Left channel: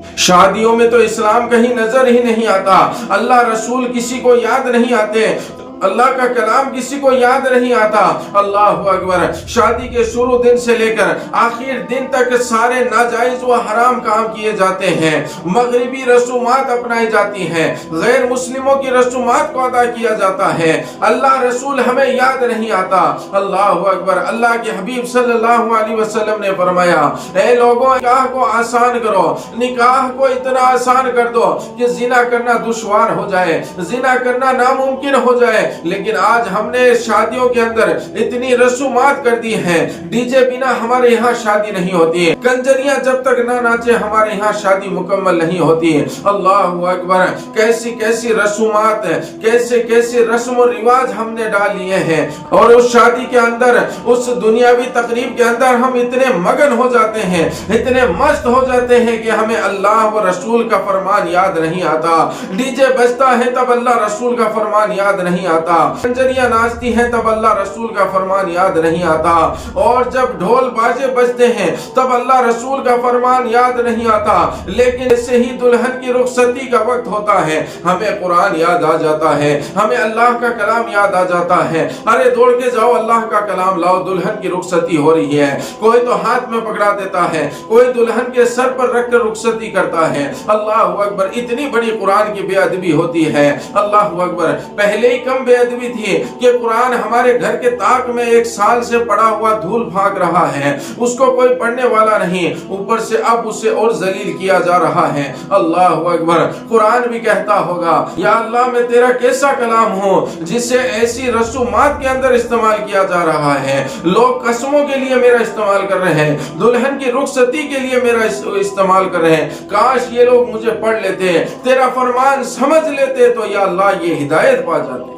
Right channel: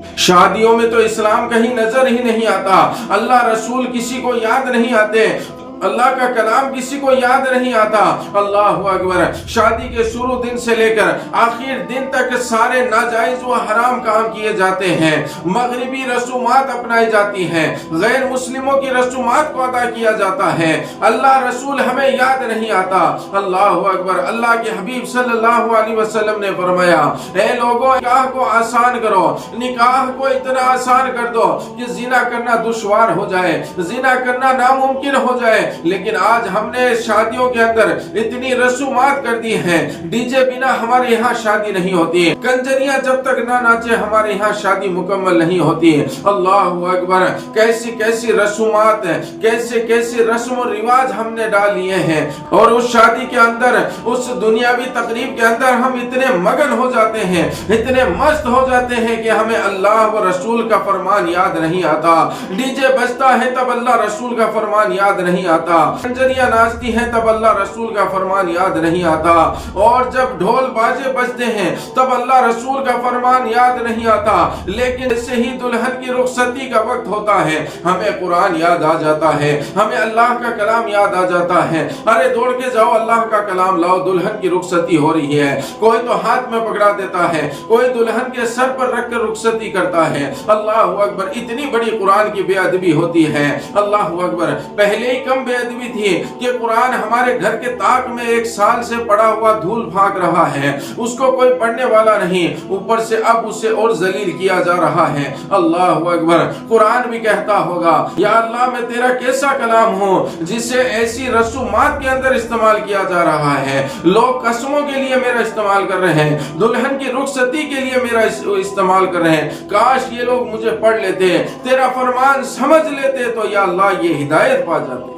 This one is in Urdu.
شادیوں میں تو اسلام کہیں نظر ہی نہیں آتا، اللہ رسول کسی کو یاد نہیں آتے، اللہ کا کلام کسی کو یاد نہیں آتا۔ اللہ اکبر۔ شادی کے شروع دن سے لے کر آخر دن تک سارے ناجائز و حرام کام کیے جاتے ہیں، مغربی رسومات اپنائی جاتی ہیں، غیر مسلموں کی رسومات کو ادا کیا جاتا ہے، اللہ رسول ہمیں یاد نہیں آتا۔ اللہ اکبر۔ اللہ کے حبیب صلی اللہ علیہ وسلم نے فرمایا، اے لوگوں، نکاح کو آسان کرو، نکاح کو اتنا آسان کر دو کہ زنا کرنا دشوار ہو جائے، زنا کرنا ناممکن ہو جائے۔ لیکن آج ہم نے شادیوں کے اندر اتنی رسومات کر دی ہیں، ڈی جے بنا ہمارے یہاں شادی نہیں ہوتی، کنجریاں جب تک نہ ناچے ہمارے یہاں شادی مکمل نہیں ہوتی۔ اللہ اکبر۔ کیسی کیسی رسومات، کیسے کیسے رسم و رواج ہم نے ڈال لیے ہیں، اور اس شادی کے اندر، اس دنیاوی تقریب کے اندر ہم اتنے مگن ہو جاتے ہیں، اتنے مست ہو جاتے ہیں کہ ہمیں اللہ و رسول کا فرمان یاد نہیں آتا۔ ڈی جے بجتا ہے تب اللہ رسول کا فرمان یاد نہیں آتا، کنجریاں ناچتی ہیں تب اللہ رسول کا فرمان یاد نہیں آتا، اور جب ڈھول باجے بجتے ہیں تب اللہ رسول کا فرمان یاد نہیں آتا۔ لیکن اس سے ہی دلہن کی رخصتی کا وقت ہوتا ہے، ہمیں قرآن یاد آ جاتا ہے، ہمیں اللہ کا کلام یاد آ جاتا ہے، ارے دوڑ کے جاؤ اللہ کا کلام لاؤ، دلہن کی رخصتی ہو رہی ہے۔ کوئی تو ہاتھ میں پکڑا دیتا ہے، کوئی دلہن کے سر پر رکھ کر رخصتی کرتا ہے۔ اللہ اکبر۔ اتنی بڑی قرآن کی بے ادبی ہوتی ہے۔ اللہ اکبر۔ پہلے ہی کم بے ادبی تھی کہ قرآن ہمارے گھر کے طاق میں 1 سال سے پڑا ہوا دھول پھانک رہا ہے، اس کو کوئی پڑھنے والا نہیں، اوپر سے اب اسے اور ذلیل کیا جا رہا ہے۔ اللہ اکبر۔ قرآن بھی کہتا ہوگا، یا اللہ میں تیرا کیسا کلام ہوں جسے ایسی رسومات کے اندر استعمال کیا جا رہا ہے، لوگ قسموں کے لیے میرا استعمال کر رہے ہیں، دلہن کی رخصتی کے لیے میرا استعمال کر رہے ہیں، کاش یہ لوگ مجھے پڑھ لیتے، تیرا فرمان سمجھ لیتے تو یا اللہ یہ ہدایت پا جاتے۔